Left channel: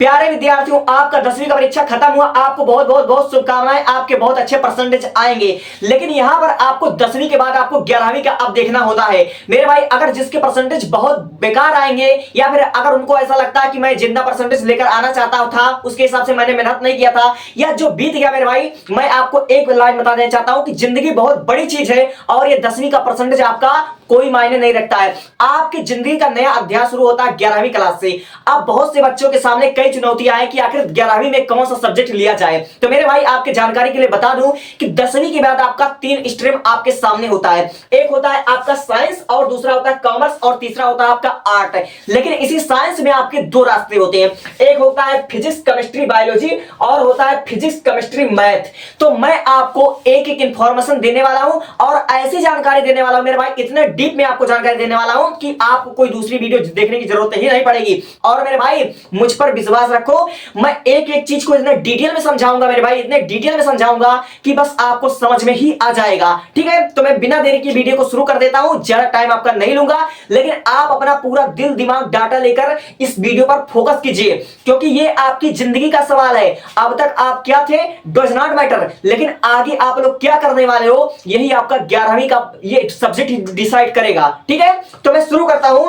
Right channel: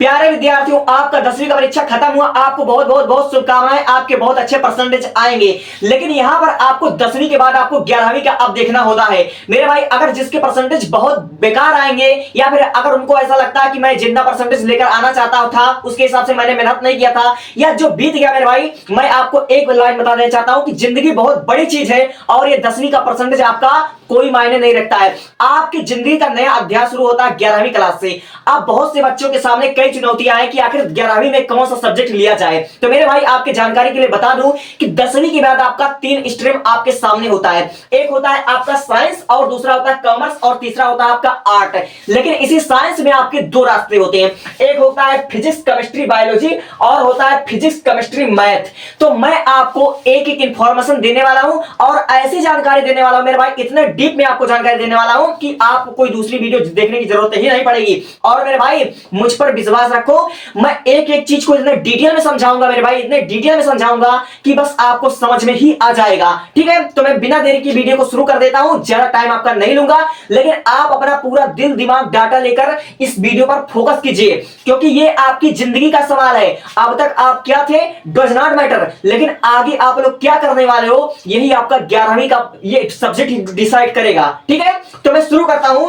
प्यारे विद्यार्थियों, आपका 10वीं का परीक्षा खत्म हुआ। आपको बहुत बहुत बहुत शुभकामनाएं। आपके बहुत अच्छे परसेंटेज आएंगे। लेकिन यहां पर आपको 10वीं के बाद आपको 11वीं का अब देखना होता है मेरे भाई। अगर जिसके परसेंटेज बहुत बेकार आएंगे या फिर अगर उनको ऐसा लगता है कि मैं जितना परसेंटेज लेकर आना चाहता था उसके हिसाब से मैंने मेहनत नहीं किया था या जो बीत गया मेरे भाई, मैं आपको एक लाइन बता देना चाहता हूं कि जिंदगी बहुत बड़ी चीज है और ये 10वीं का परसेंटेज आपका कोई मायने नहीं रखता है। आपकी जिंदगी का नया अध्याय शुरू होता है 11वीं क्लास से। अब बहुत से बच्चों के सामने कई चुनौतियां हैं कि आखिर 11वीं में कौन सा सब्जेक्ट लिया जाए। तो मेरे भाई आपके जानकारी के लिए बता दूं कि 10वीं के बाद आपका 3 स्ट्रीम आपके सामने होता है। एक होता है आपका साइंस और दूसरा होता है कॉमर्स और तीसरा होता है आपका आर्ट। लेकिन इसी साइंस में आपके 2 रास्ते होते हैं, एक होता है फिजिक्स केमिस्ट्री बायोलॉजी और होता है फिजिक्स केमिस्ट्री मैथ। तो मैं आपको एक एक इंफॉर्मेशन देने वाला हूं और ऐसी जानकारी देने वाला हूं मेरे भाई, इतने डीप में आपको जानकारी देने वाला हूं कि आपको कोई दूसरी वीडियो देखने की जरूरत ही नहीं पड़ेगी। और मेरे भाई मुझ पर विश्वास रखो, मैं एक एक चीज को इतने डिटेल में समझाऊंगा मेरे भाई, इतने डिटेल में समझाऊंगा कि बस आपको समझ में ही आ जाएगा। ठीक है, तो मैं बिना देरी की वीडियो को शुरू कर देता हूं। ज्यादा टाइम आपका नहीं लूंगा, लेकिन आप अपना पूरा दिल दिमाग डाटा लेकर इस वीडियो पर फोकस कीजिए, क्योंकि ये आपकी जिंदगी का सवाल है। अब तक आप क्या थे डज नॉट मैटर, लेकिन आगे आप लोग क्या करने वाले हो यही आपका 11वीं का ये सब्जेक्ट डिसाइड करेगा। ठीक है, तो मैं शुरू करता हूं।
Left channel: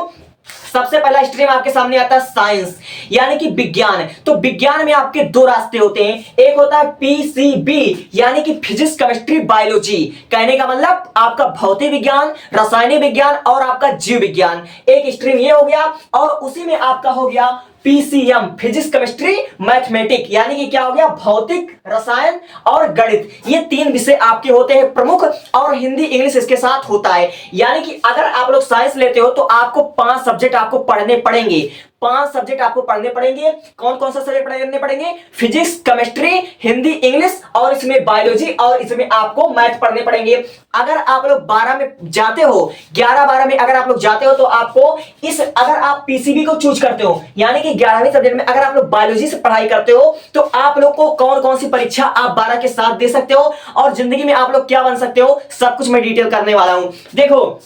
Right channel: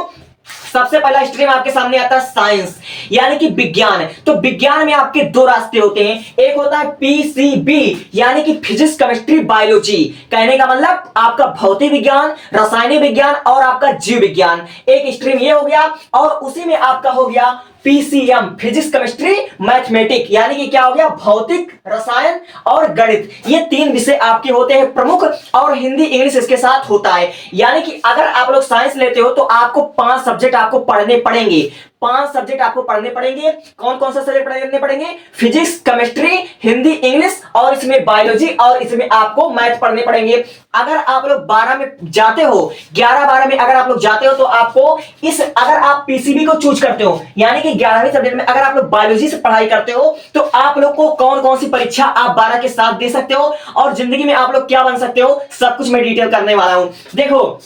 सबसे पहला स्ट्रीम आपके सामने आता है साइंस यानी कि विज्ञान। तो विज्ञान में आपके 2 रास्ते होते हैं, एक होता है पीसीबी यानी कि फिजिक्स केमिस्ट्री बायोलॉजी। कहने का मतलब आपका भौतिक विज्ञान, रासायनिक विज्ञान और आपका जीव विज्ञान। एक स्ट्रीम ये हो गया और उसी में आपका हो गया पीसीएम फिजिक्स केमिस्ट्री मैथमेटिक यानी कि क्या हो गया भौतिक, रसायन और गणित। ये 3 विषय आपके होते हैं प्रमुख और हिंदी इंग्लिश इसके साथ होता है। यानी कि अगर आप लोग साइंस लेते हो तो आपको 5 सब्जेक्ट आपको पढ़ने पड़ेंगे। 5 सब्जेक्ट आपको पढ़ने पड़ेंगे। कौन कौन सा सब्जेक्ट पढ़ने पड़ेंगे? फिजिक्स, केमिस्ट्री, हिंदी, इंग्लिश और इसमें बायोलॉजी और इसमें आपको मैथ पढ़ने पड़ेंगे। अगर आप लोग 12 में जाते हो, 11-12 में अगर आप लोग जाते हो तो आपको अगर आप पीसीबी को चूज करते हो यानी कि 11वीं सब्जेक्ट में अगर आप लोग बायोलॉजी से पढ़ाई करते हो तो आप लोग को कौन कौन सी परीक्षा आप 12 के साथ दे सकते हो और जिंदगी में आप लोग क्या बन सकते हो, सब कुछ मैं डिटेल करने वाला हूं। देखो,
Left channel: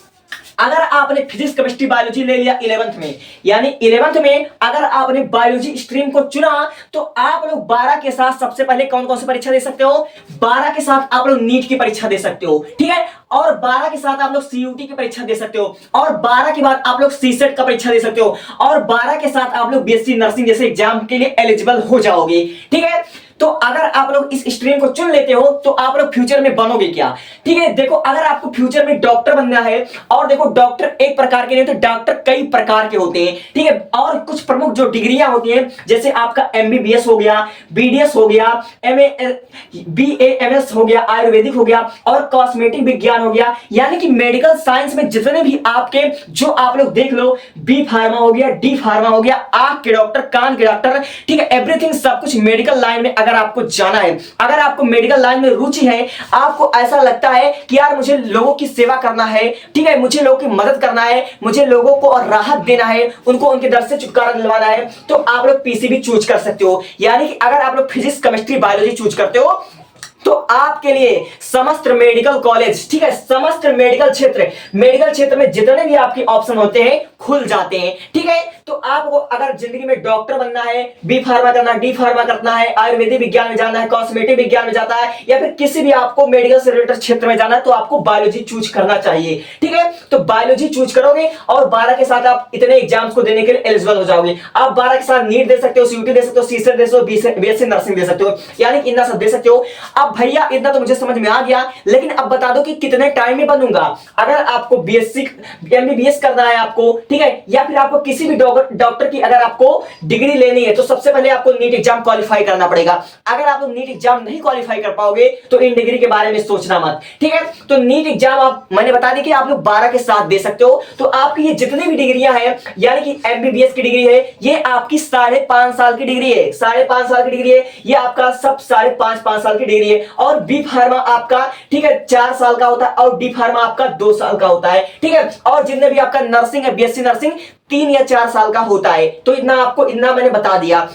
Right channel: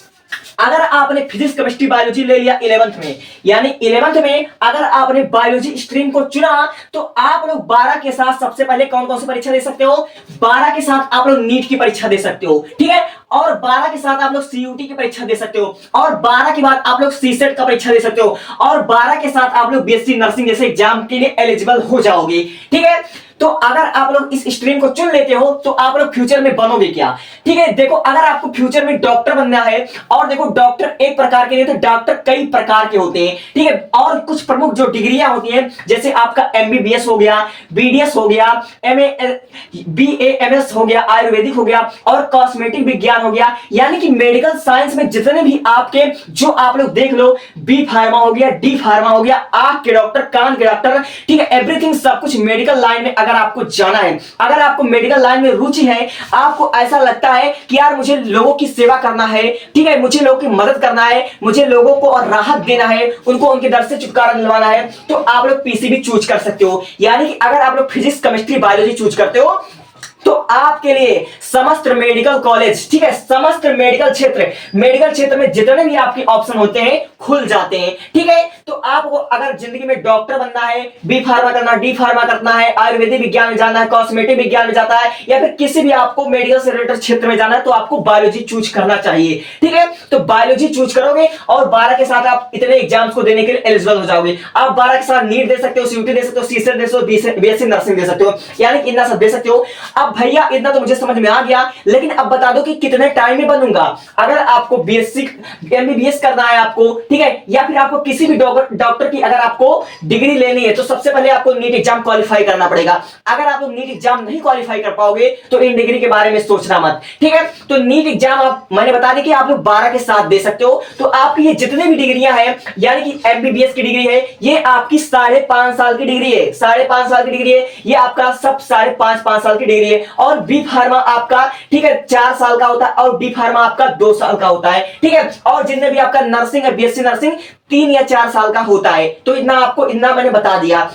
अगर आपने फिजिक्स केमिस्ट्री बायोलॉजी ले लिया 11th में, यानी 11th में अगर आपने बायोलॉजी स्ट्रीम को चुना तो आप लोग 12 के साथ सबसे पहले कौन कौन सी परीक्षा दे सकते हो? 12 के साथ आप लोग नीट की परीक्षा दे सकते हो। ठीक है, और 12 के साथ आप लोग सीयूटी की परीक्षा दे सकते हो और 12 के बाद आप लोग सीसेट का परीक्षा दे सकते हो और 12 के साथ आप लोग बीएससी नर्सिंग जैसे एग्जाम के लिए एलिजिबल हो जाओगे। ठीक है, तो अगर आप लोग इस स्ट्रीम को चुन लेते हो तो आप लोग फ्यूचर में बनोगे क्या? ठीक है, देखो, अगर आपको फ्यूचर में डॉक्टर बनना है, और देखो डॉक्टर एक प्रकार के नहीं होते, डॉक्टर कई प्रकार के होते हैं। ठीक है, और कुछ प्रमुख जो डिग्रियां होती हैं जैसे आपका एमबीबीएस हो गया, बीडीएस हो गया, बीएएमएस हो गया, आयुर्वेदिक हो गया और कॉस्मेटिक विज्ञान हो गया। यानी कि मेडिकल साइंस में जितने भी आपके जो आप लोग देख लो, बी फार्मा हो गया, डी फार्मा हो गया, आंख के डॉक्टर, कान के डॉक्टर, ठीक है, एवरीथिंग सब कुछ मेडिकल लाइन में अगर आपको जाना है, अगर आपको मेडिकल लाइन में रुचि है, आपको ऐसा लगता है कि यार मुझे लोगों की सेवा करना है, ठीक है, मुझे लोगों की मदद करना है, मुझे लोगों को और राहत देना है, उनको उनके दर्द से छुटकारा दिलवाना है, तो आप लोग पीसीबी चूज कर सकते हो। यानी कि अगर आप लोग फिजिक्स केमिस्ट्री बायोलॉजी चूज करते हो तो आपके लिए समस्त मेडिकल कॉलेज, ठीक है, समस्त मेडिकल क्षेत्र में जितने भी आपके ऑप्शन होते हैं खुल जाते हैं। ठीक है, तो आपको अगर जिंदगी में डॉक्टर बनना है, बी फार्मा करना, डी फार्मा करना है, आयुर्वेदिक विज्ञान में जाना है, कॉस्मेटिक विज्ञान में जाता है या फिर किसी भी आपको मेडिकल से रिलेटेड क्षेत्र में जाना है तो आपको बायोलॉजी चूज करना चाहिए। ठीक है, तो बायोलॉजी चूज करोगे और 12 के साथ आप इतने एग्जाम्स को देने के लिए एलिजिबल हो जाओगे। आप 12 के साथ नीट दे सकते हो, सीयूटी दे सकते हो, सीसेट दे सकते हो, बीएससी नर्सिंग दे सकते हो, यानी कि इतना सब दे सकते हो। अब भैया इतना तो मुझे समझ में आ गया, लेकिन अब बता दो कि कितने टाइम में बनूंगा। अगर आपको बीएससी एमबीबीएस करना है आपको, ठीक है, या फिर आपको किसी भी डॉक्टर की अगर आपको डिग्री लेनी है तो सबसे पहले आपको नीट एग्जाम क्वालिफाई करना पड़ेगा। अगर आप नीट एग्जाम नहीं क्वालिफाई कर पाओगे तो इन डिग्री के बारे में सोचना मत। ठीक है, तो नीट एग्जाम आप मैंने बता दी कि आप लोग 12 के साथ दे सकते हो। तो आपकी ये जितनी भी डिग्रियां हैं, यानी कि एमबीबीएस की डिग्री है, ये आपकी 5.5 साल की डिग्री है, 5.5 साल की डिग्री है, ये आपका सब 5.5 साल की डिग्री है। और बी फार्मा आपका, ठीक है, 4 साल का होता है और डी फार्मा आपका 2 साल का होता है। ठीक है, और जितने भी आपका नर्सिंग है, बीएससी नर्सिंग 3 या 4 साल का होता है। तो इतना मैंने बता दिया।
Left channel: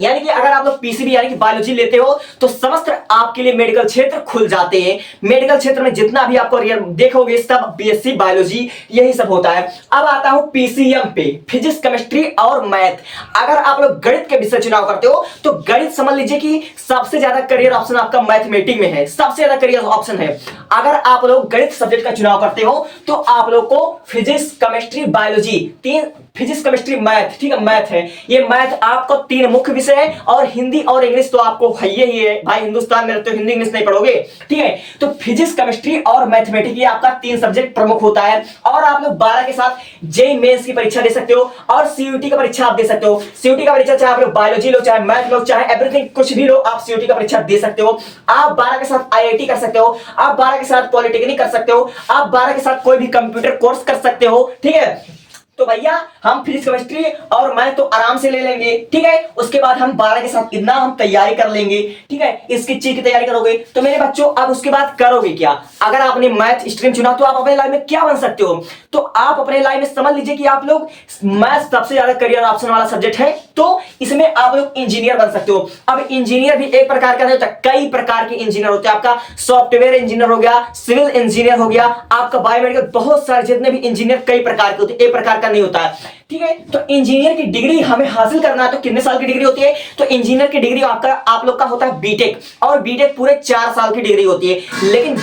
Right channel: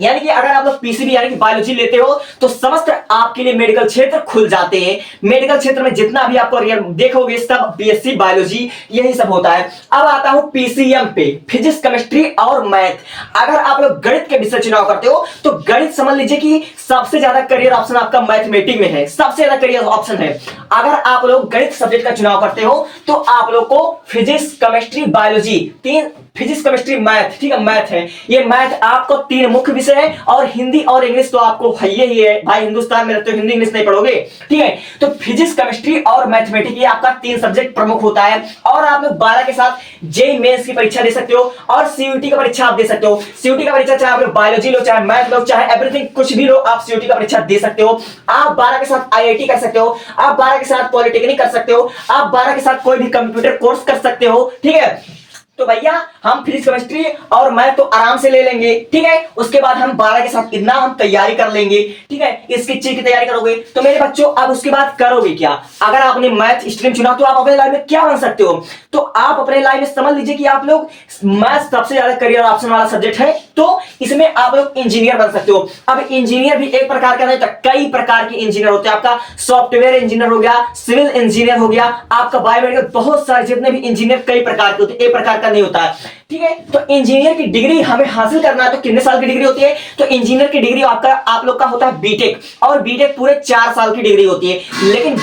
यानी कि अगर आप लोग पीसीबी यानी कि बायोलॉजी लेते हो तो समस्त आपके लिए मेडिकल क्षेत्र खुल जाते हैं। मेडिकल क्षेत्र में जितना भी आपको देखोगे सब बीएससी बायोलॉजी यही सब होता है। अब आता हूं पीसीएम पे, फिजिक्स केमिस्ट्री और मैथ। अगर आप लोग गणित के विषय चुनाव करते हो तो गणित समझ लीजिए कि सबसे ज्यादा करियर ऑप्शन आपका मैथमेटिक्स में है, सबसे ज्यादा करियर ऑप्शन है। अगर आप लोग गणित सब्जेक्ट का चुनाव करते हो तो आप लोग को फिजिक्स केमिस्ट्री बायोलॉजी तीन, फिजिक्स केमिस्ट्री मैथ, ठीक है मैथ है, ये मैथ आपको तीन मुख्य विषय है। और हिंदी और इंग्लिश तो आपको है ही है भाई, हिंदुस्तान में रहते हो हिंदी इंग्लिश नहीं पढ़ोगे, ठीक है। तो फिजिक्स केमिस्ट्री और मैथमेटिक्स ये आपका तीन सब्जेक्ट प्रमुख होता है। और आप लोग 12 के साथ जेईई मेंस की परीक्षा दे सकते हो और सीयूटी का परीक्षा आप दे सकते हो। सीयूटी का परीक्षा चाहे आप लोग बायोलॉजी लो, चाहे मैथ लो, चाहे एवरीथिंग कुछ भी लो, आप सीयूटी का परीक्षा दे सकते हो। आप 12 के साथ आईआईटी कर सकते हो, आप 12 के साथ पॉलिटेक्निक कर सकते हो, आप 12 के साथ कोई भी कंप्यूटर कोर्स कर सकते हो, ठीक है। तो भैया हम फिजिक्स केमिस्ट्री और मैथ तो आराम से ले लेंगे, ठीक है। उसके बाद हम 12 के साथ इतना हम तैयारी कर लेंगे, ठीक है। इसकी चीज की तैयारी करोगे तो मेरे बच्चों अब उसके बाद करोगे क्या? अगर आपने मैथ स्ट्रीम चुना तो आप अपने लाइफ में क्या बन सकते हो? तो आप अपने लाइफ में समझ लीजिए कि आप लोग मैथ सबसे ज्यादा करियर ऑप्शन वाला सब्जेक्ट है, तो इसमें आप लोग इंजीनियर बन सकते हो। अब इंजीनियर भी एक प्रकार का नहीं होता, कई प्रकार के इंजीनियर होते हैं। आपका सॉफ्टवेयर इंजीनियर हो गया, सिविल इंजीनियर हो गया, आपका बायोमेडिकल, बहुत सारे जितने भी इंजीनियर कई प्रकार के होते हैं, एक प्रकार का नहीं होता है, ठीक है। तो इंजीनियर की डिग्री हमें हासिल करना है तो कितने साल की डिग्री होती है? तो इंजीनियर की डिग्री आपका आप लोग का होता है बीटेक, और बीटेक पूरे 4 साल की डिग्री होती है। लेकिन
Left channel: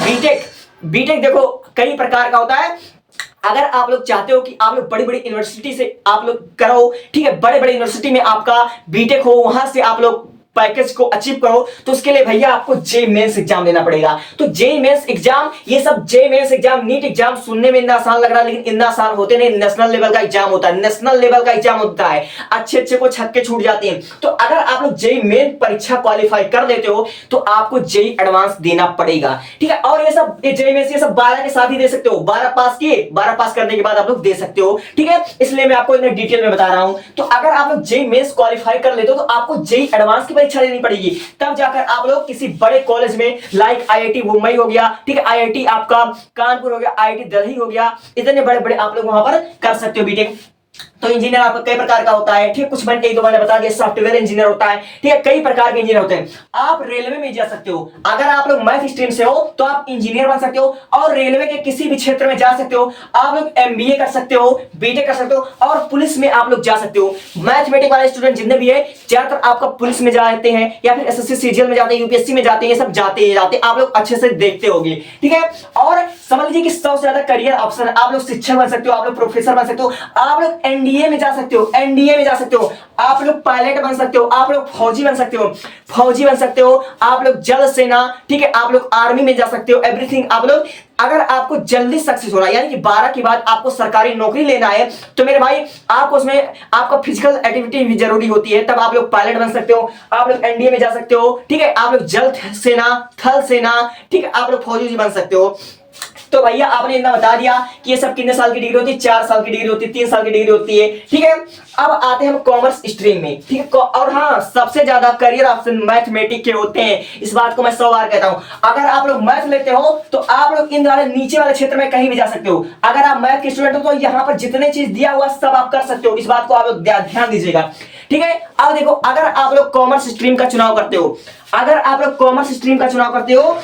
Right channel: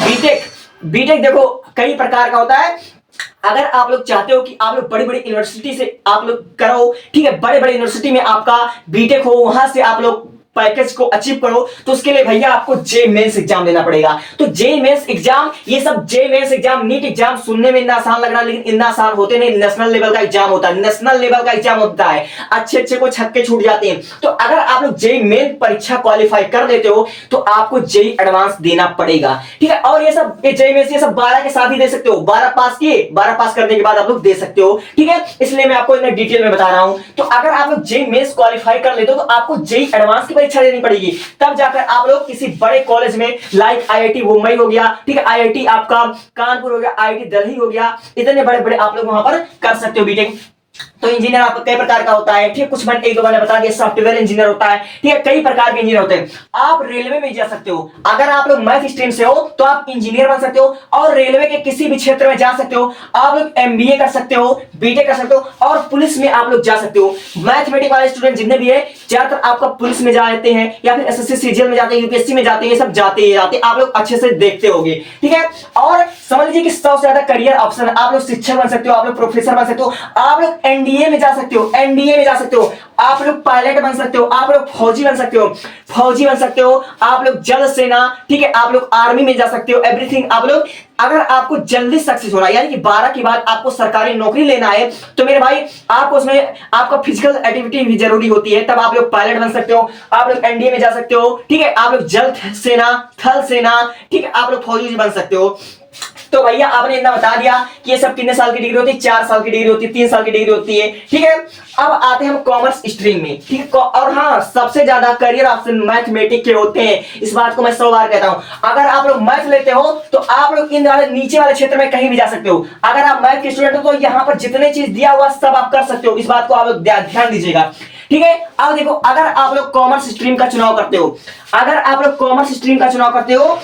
बीटेक देखो कई प्रकार का होता है। अगर आप लोग चाहते हो कि आप लोग बड़ी बड़ी यूनिवर्सिटी से आप लोग करो, ठीक है, बड़े बड़े यूनिवर्सिटी में आपका बीटेक हो, वहां से आप लोग पैकेज को अचीव करो, तो उसके लिए भैया आपको जेईई मेंस एग्जाम देना पड़ेगा। तो जेईई मेंस एग्जाम, ये सब JEE mains exam, NEET exam सुनने में इतना आसान लग रहा है लेकिन इतना आसान होते नहीं। नेशनल लेवल का एग्जाम होता है, नेशनल लेवल का एग्जाम होता है, अच्छे को छक्के छूट जाते हैं। तो अगर आप लोग जेईई मेन परीक्षा क्वालिफाई कर लेते हो तो आपको जेईई एडवांस देना पड़ेगा, ठीक है। और ये सब जेईई मेंस ये सब 12 के साथ ही दे सकते हो, 12 पास किए, 12 पास करने के बाद आप लोग दे सकते हो, ठीक है। इसलिए मैं आपको इतना डिटेल में बता रहा हूं। तो अगर आप लोग जेईई मेंस क्वालिफाई कर लेते हो तो आपको जेईई एडवांस की परीक्षा देनी पड़ेगी, तब जाकर आप लोग किसी बड़े कॉलेज में, लाइक आईआईटी मुंबई हो गया, ठीक है, आईआईटी आपका कानपुर हो गया, आईआईटी दिल्ली हो गया, इतने बड़े बड़े आप लोग वहां पर कर सकते हो बीटेक। तो इंजीनियर आपका कई प्रकार का होता है, ठीक, कुछ मैंने एक दो मैंने बता दिया। सॉफ्टवेयर इंजीनियर होता है, ठीक है, कई प्रकार के इंजीनियर होते हैं। आप रेलवे में जा सकते हो, अगर आप लोग मैथ स्ट्रीम से हो तो आप इंजीनियर बन सकते हो और रेलवे के किसी भी क्षेत्र में जा सकते हो। आप लोग एमबीए कर सकते हो, बीटेक कर सकते हो और पुलिस में आप लोग जा सकते हो। मैथमेटिक्स वाले स्टूडेंट जितने भी है ज्यादातर आपका पुलिस में जाते हैं या फिर एसएससी सीजीएल में जाते हैं, यूपीएससी में जाते हैं, ये सब जाते आप लोग अच्छे से देखते होंगे, ठीक है। और समझ लीजिए कि सबसे ज्यादा करियर ऑप्शन है, आप लोग शिक्षक बन सकते हो, आप लोग प्रोफेसर बन सकते हो, आप लोग एनडीए में जा सकते हो, एनडीए में जा सकते हो, आप लोग पायलट बन सकते हो, आप लोग फौजी बन सकते हो, फौजी बन सकते हो, आप लोग जल सेना, ठीक है, आप लोग आर्मी में जा सकते हो, एवरीथिंग आप लोग। अगर आपको जल्दी सक्सेस होना यानी कि 12 के बाद आपको सरकारी नौकरी लेना है तो मेरे भाई आपको उसमें आपका फिजिकल एक्टिविटी भी जरूरी होती है, तब आप लोग पायलट बन सकते हो, आप लोग एनडीए में जा सकते हो, ठीक है, आप लोग जल सेना, थल सेना, ठीक है, आप लोग फौजी बन सकते हो। तो भैया आपने इतना बता दिया कि ये सब कितने साल की डिग्री होती है? 4 साल की डिग्री होती है, 3 साल की डिग्री होती है, ठीक है। अब आते हैं हम कॉमर्स स्ट्रीम में, ठीक है। और हाँ, सबसे ज्यादा करियर ऑप्शन मैथमेटिक्स के होते हैं, इस बात को मैं 100 बार कहता हूं। अगर आप लोग मैथ लेते हो तो आप लोग इन वाले नीचे वाले क्षेत्र में कहीं भी जा सकते हो। अगर आप मैथ के स्टूडेंट हो तो यहाँ पर जितने चीज दिया हुआ सब आप कर सकते हो, इस बात को आप लोग ध्यान दीजिएगा, ठीक है। अब देखो, अगर आप लोग कॉमर्स स्ट्रीम का चुनाव करते हो, अगर आप लोग कॉमर्स स्ट्रीम का चुनाव करते हो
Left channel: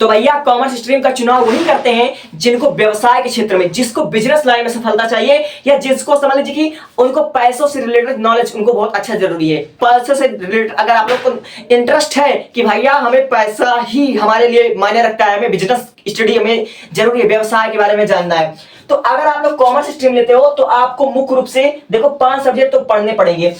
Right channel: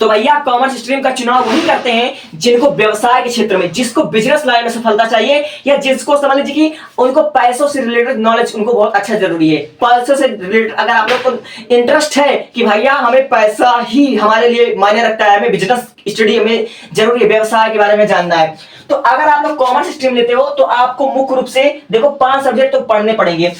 तो भैया कॉमर्स स्ट्रीम का चुनाव वही करते हैं जिनको व्यवसाय के क्षेत्र में, जिसको बिजनेस लाइन में सफलता चाहिए, या जिसको समझ लीजिए कि उनको पैसों से रिलेटेड नॉलेज उनको बहुत अच्छा जरूरी है। पैसों से रिलेटेड अगर आप लोग को इंटरेस्ट है कि भैया हमें पैसा ही हमारे लिए मायने रखता है, हमें बिजनेस स्टडी हमें जरूरी है, व्यवसाय के बारे में जानना है, तो अगर आप लोग कॉमर्स स्ट्रीम लेते हो तो आपको मुख्य रूप से देखो 5 सब्जेक्ट तो पढ़ने पड़ेंगे।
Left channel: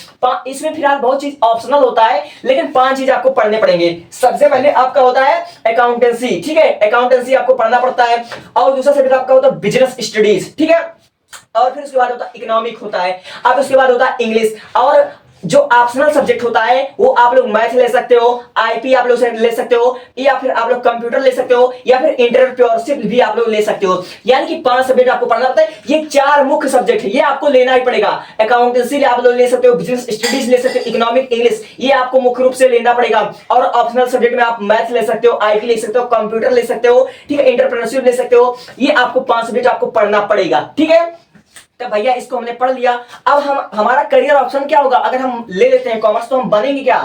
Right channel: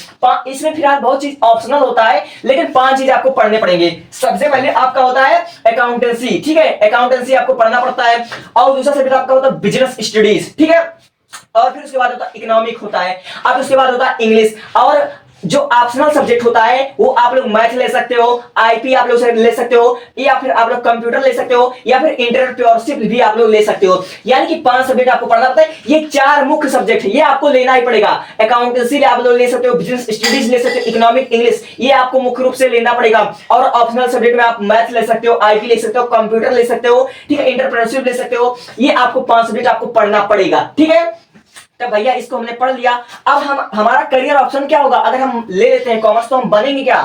इसमें फिलहाल बहुत चीज ऑप्शनल होता है लेकिन 5 चीज आपको पढ़ने पड़ेंगे। सबसे पहले आपका होता है अकाउंटेंसी, ठीक है, अकाउंटेंसी आपको पढ़ना पड़ता है। और दूसरा सब्जेक्ट आपका होता है बिजनेस स्टडीज, ठीक है। और फिर उसके बाद होता है इकोनॉमिक होता है, अब उसके बाद होता है इंग्लिश। और जो ऑप्शनल सब्जेक्ट होता है वो आप लोग मैथ ले सकते हो, आईपी आप लोग ले सकते हो, या फिर आप लोग कंप्यूटर ले सकते हो, या फिर एंटरप्रेन्योरशिप भी आप लोग ले सकते हो। यानी कि 5 सब्जेक्ट आपको पढ़ना होता है। ये 4 मुख्य सब्जेक्ट है, ये आपको लेना ही पड़ेगा। अकाउंटेंसी आप लोग ले सकते हो, बिजनेस स्टडीज ले सकते हो, इकोनॉमिक, इंग्लिश, ये आपको मुख्य रूप से लेना पड़ेगा। और ऑप्शनल सब्जेक्ट में आप मैथ ले सकते हो, आईपी ले सकते हो, कंप्यूटर ले सकते हो, ठीक है, एंटरप्रेन्योरशिप ले सकते हो। ये आपको 5 सब्जेक्ट आपको पढ़ना पड़ेगा, ठीक है। तो भैया इसको हमने पढ़ लिया। अब हम हमारा करियर ऑप्शन क्या होगा, अगर हम ले लेते हैं कॉमर्स तो हम बनेंगे क्या,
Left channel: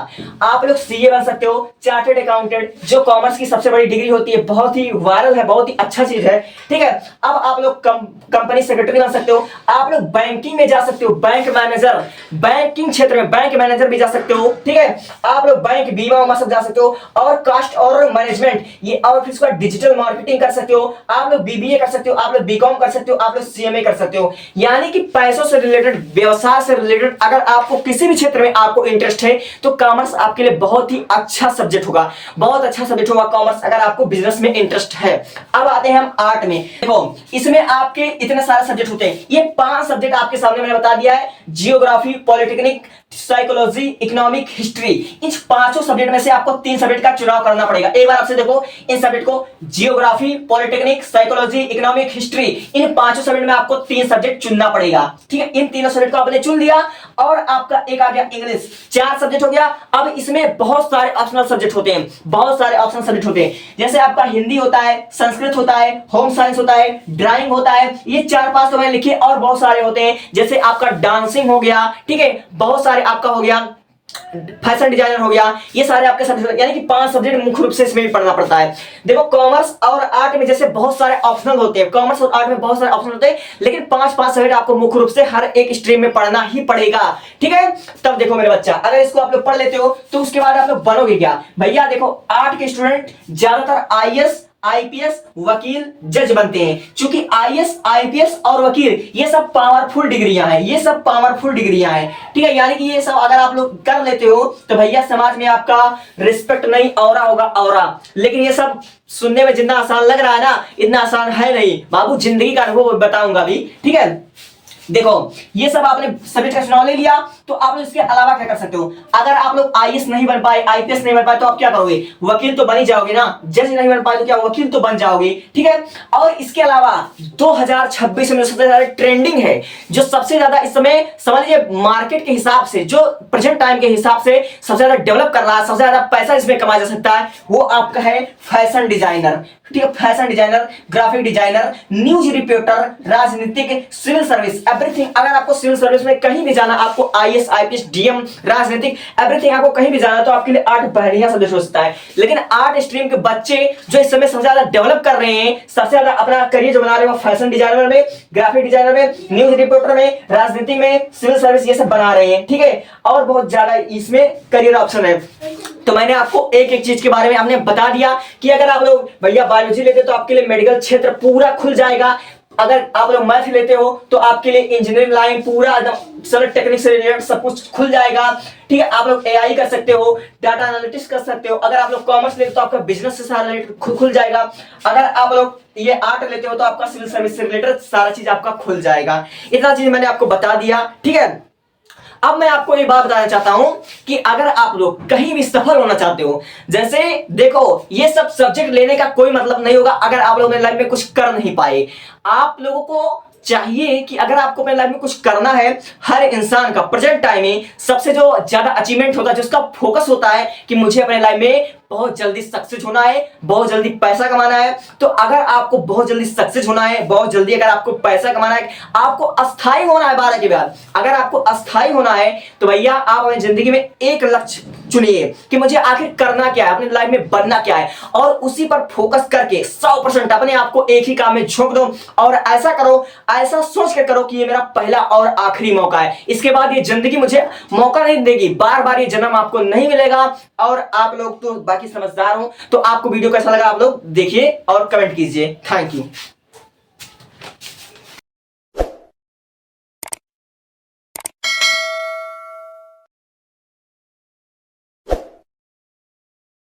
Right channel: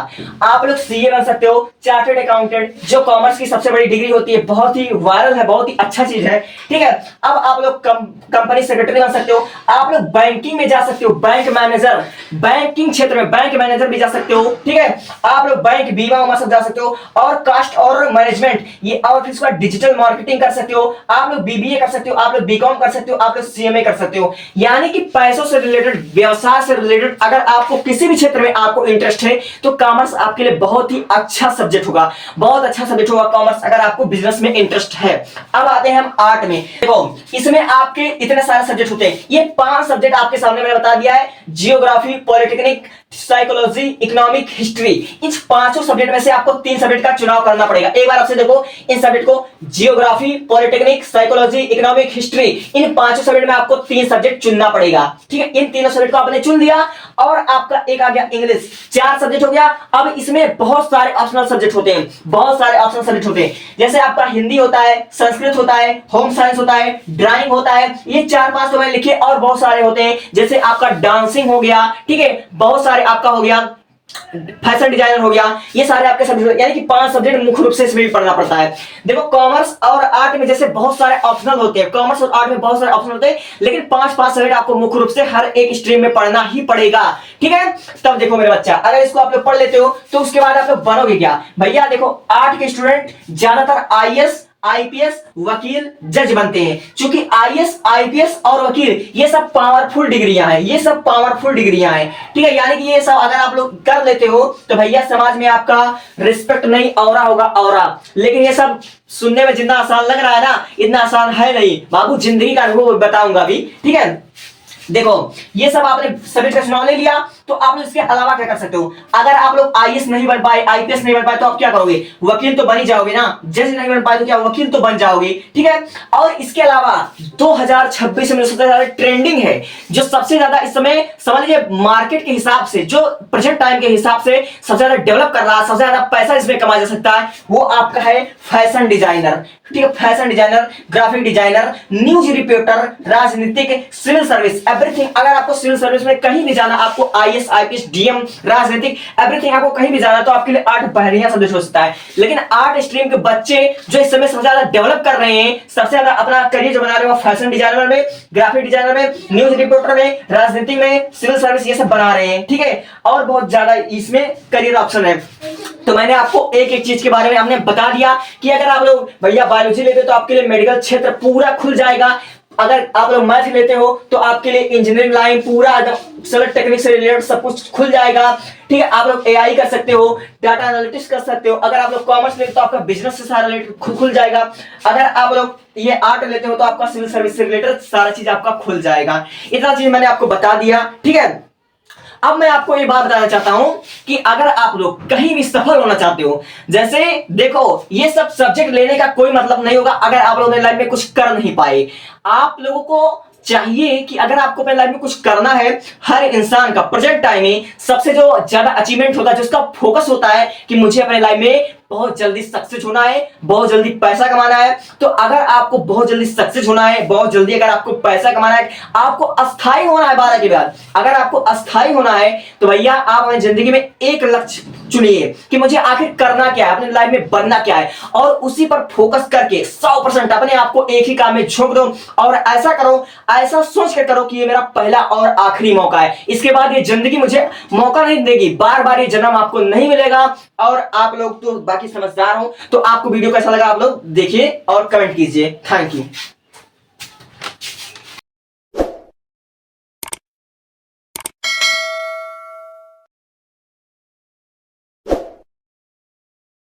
आप लोग सीए बन सकते हो, चार्टर्ड अकाउंटेंट, जो कॉमर्स की सबसे बड़ी डिग्री होती है, बहुत ही वायरल है, बहुत ही अच्छा चीज है, ठीक है। अब आप लोग कंपनी सेक्रेटरी बन सकते हो, आप लोग बैंकिंग में जा सकते हो, बैंक मैनेजर, बैंकिंग क्षेत्र में बैंक मैनेजर भी जा सकते हो, ठीक है। आप लोग बैंक बीमा उमा सब जा सकते हो, और कास्ट और मैनेजमेंट ये, और फिर उसके बाद डिजिटल मार्केटिंग कर सकते हो, आप लोग बीबीए कर सकते हो, आप लोग बीकॉम कर सकते हो, आप लोग सीएमए कर सकते हो। यानी कि पैसों से रिलेटेड, व्यवसाय से रिलेटेड अगर आपको किसी भी क्षेत्र में आपको इंटरेस्ट है तो कॉमर्स आपके लिए बहुत ही अच्छा सब्जेक्ट होगा, बहुत अच्छा सब्जेक्ट होगा कॉमर्स, अगर आपको बिजनेस में इंटरेस्ट है। अब आते हैं हम आर्ट में। देखो इसमें आपके इतने सारे सब्जेक्ट होते हैं, ये 5 सब्जेक्ट आपके सामने मैंने बता दिया है, geography, polytechnic, psychology, economic, history. इन 5 सब्जेक्ट में से आपको 3 सब्जेक्ट का चुनाव करना पड़ेगा। एक बार आपसे देखो इन सब्जेक्ट को, geography, polytechnic, psychology, economic, history, इन 5 सब्जेक्ट में आपको 3 सब्जेक्ट चुनना पड़ेगा, ठीक है। इन तीनों सब्जेक्ट को आपने चुन लिया, और आपका एक आ गया इंग्लिश, 4 सब्जेक्ट हो गया। अब इसमें बहुत सारे ऑप्शनल सब्जेक्ट होते हैं, बहुत सारे ऑप्शनल सब्जेक्ट होते हैं, जैसे आपका हिंदी होता है, संस्कृत होता है, होम साइंस होता है, ड्राइंग होता है, ये 4-5 तो मैंने लिखे, और बहुत सारे होते हैं, जैसे आपका डांसिंग हो गया, ठीक है, बहुत सारे आपका हो गया, फैशन डिजाइनर हो गया, ये सारे आपके सब्जेक्ट, यानी कि 5 सब्जेक्ट मुख्य रूप से इसमें भी पढ़ना पड़ता है। देखो कॉमर्स और आर्ट में जैसे बहुत सारे ऑप्शनल होते हैं, कॉमर्स और आर्ट में बहुत सारे ऑप्शनल होते हैं, लेकिन 5-5 सब्जेक्ट आपको मुख्य रूप से हर एक स्ट्रीम में पढ़ना ही पड़ेगा, ठीक है। तब देखो मेरे बच्चा, अगर इसको आप लोग पढ़ लेते हो तो उसके बाद आप लोग बनोगे क्या भैया। देखो आर्ट के स्टूडेंट ज्यादातर आईएएस, आईपीएस, वकील, जज बनते हैं, क्योंकि आईएएस, आईपीएस और वकील ये सब पावरफुल डिग्रियां हैं, ये सब पावरफुल डिग्रियां हैं, ठीक है। यानी कि ये सब अगर आप लोग कर लेते हो तो भैया समाज में आपका रिस्पेक्ट नहीं, औरा होगा औरा। लेकिन ये सब सुनने में जितना आसान लग रहा है ना, इतना आसान है नहीं बाबू, जिंदगी का अनुभव बताऊंगा अभी, ठीक है। देखो ये सब आपने सब्जेक्ट का चुनाव ले लिया, तो आप लोग इसके अलावा क्या कर सकते हो, अगर आप लोग आईएएस नहीं बन पाए, आईपीएस नहीं बन पाए, तो आप क्या करोगे, वकील तो बन ही जाओगे ना, जज नहीं बन पाए तो क्या वकील तो बन जाओगे, ठीक है। और इसके अलावा 2026 में सबसे ज्यादा ट्रेंडिंग है, जो सबसे ज्यादा इस समय समझ लीजिए मार्केट के हिसाब से, जो प्रेजेंट टाइम के हिसाब से सबसे ज्यादा डेवलप कर रहा है, सबसे ज्यादा पैसा इसमें कमाया जा सकता है, वो आपका है फैशन डिजाइनर, ठीक है। Fashion designer, graphic designer, news reporter, राजनीतिक, सिविल सर्विस, एवरीथिंग। अगर आपको सिविल सर्विस में कहीं भी जाना, आपको आईएएस, आईपीएस, डीएम, राजनीतिक, एवरीथिंग आपको कहीं भी जाना, तो आपके लिए आर्ट बढ़िया सब्जेक्ट हो सकता है। लेकिन आर्ट स्ट्रीम के बच्चे जो इस समय सबसे ज्यादा डेवलप कर रहे हैं, सबसे ज्यादा अपना करियर जो बना रहे हो, फैशन डिजाइनर में, ग्राफिक डिजाइनर में, न्यूज रिपोर्टर में, राजनीतिक में, सिविल सर्विस, ये सब बना रहे हैं, ठीक है। और बहुत ज्यादा इसमें करियर ऑप्शन है। तो मैंने आपको एक एक चीज के बारे में हमने बता दिया कि अगर आप लोग भैया बायोलॉजी लेते हो तो आपके लिए मेडिकल क्षेत्र पूरा खुल जाएगा, अगर आप लोग मैथ लेते हो तो आपके लिए इंजीनियरिंग लाइन पूरा एकदम सॉलिड टेक्निक से रिलेटेड सब कुछ खुल जाएगा, ठीक है। आप लोग एआई कर सकते हो, डाटा एनालिटिक्स कर सकते हो। अगर आप लोग कॉमर्स लेते हो तो आपका बिजनेस से सारा रिलेटेड खुल जाएगा। अगर आप लोग ये आर्ट लेते हो तो आपका सिविल सर्विस से रिलेटेड सारा चीज आपका खुल जाएगा। इतना चीज मैंने आपको बता दिया, ठीक है। अब मैं आपको ये बात बताना चाहता हूं कि अगर आप लोग कहीं भी सफल होना चाहते हो, जैसे देखो ये सब सब्जेक्ट लेने का कोई मतलब नहीं होगा अगर आप लोग अपने लाइफ में कुछ कर नहीं पाए। आप लोगों को चाहिए कि अगर आपको अपने लाइफ में कुछ करना है, हर इंसान का प्रेजेंट टाइम में सबसे जो ज्यादा अचीवमेंट होता है, जिसका फोकस होता है कि मुझे अपने लाइफ में बहुत जल्दी सक्सेस होना है, बहुत जल्दी पैसा कमाना है। तो अगर आपको बहुत जल्दी सक्सेस होना है, बहुत जल्दी अगर आपको पैसा कमाना है, आपको अस्थायी होना है 12 के बाद, अगर आपको अस्थायी होना है तो भैया आप अपनी जिंदगी में एक लक्ष्य चुनिए कि मुझे आखिर करना क्या है, अपने लाइफ में बनना क्या है, और उसी पर फोकस करके 100% अपने आप को एक ही काम में झोंक दो। और ऐसा करो, ऐसा सोच के करो कि ये मेरा पहला और आखिरी मौका है, इसके बाद ये जिंदगी मुझे मौका नहीं देगी, बार बार ये जन्म आपको नहीं मिलेगा। और आप लोग तो बाकी समझदार हो, तो आपको वीडियो कैसा लगा आप लोग देखिए और कमेंट कीजिए। Thank you.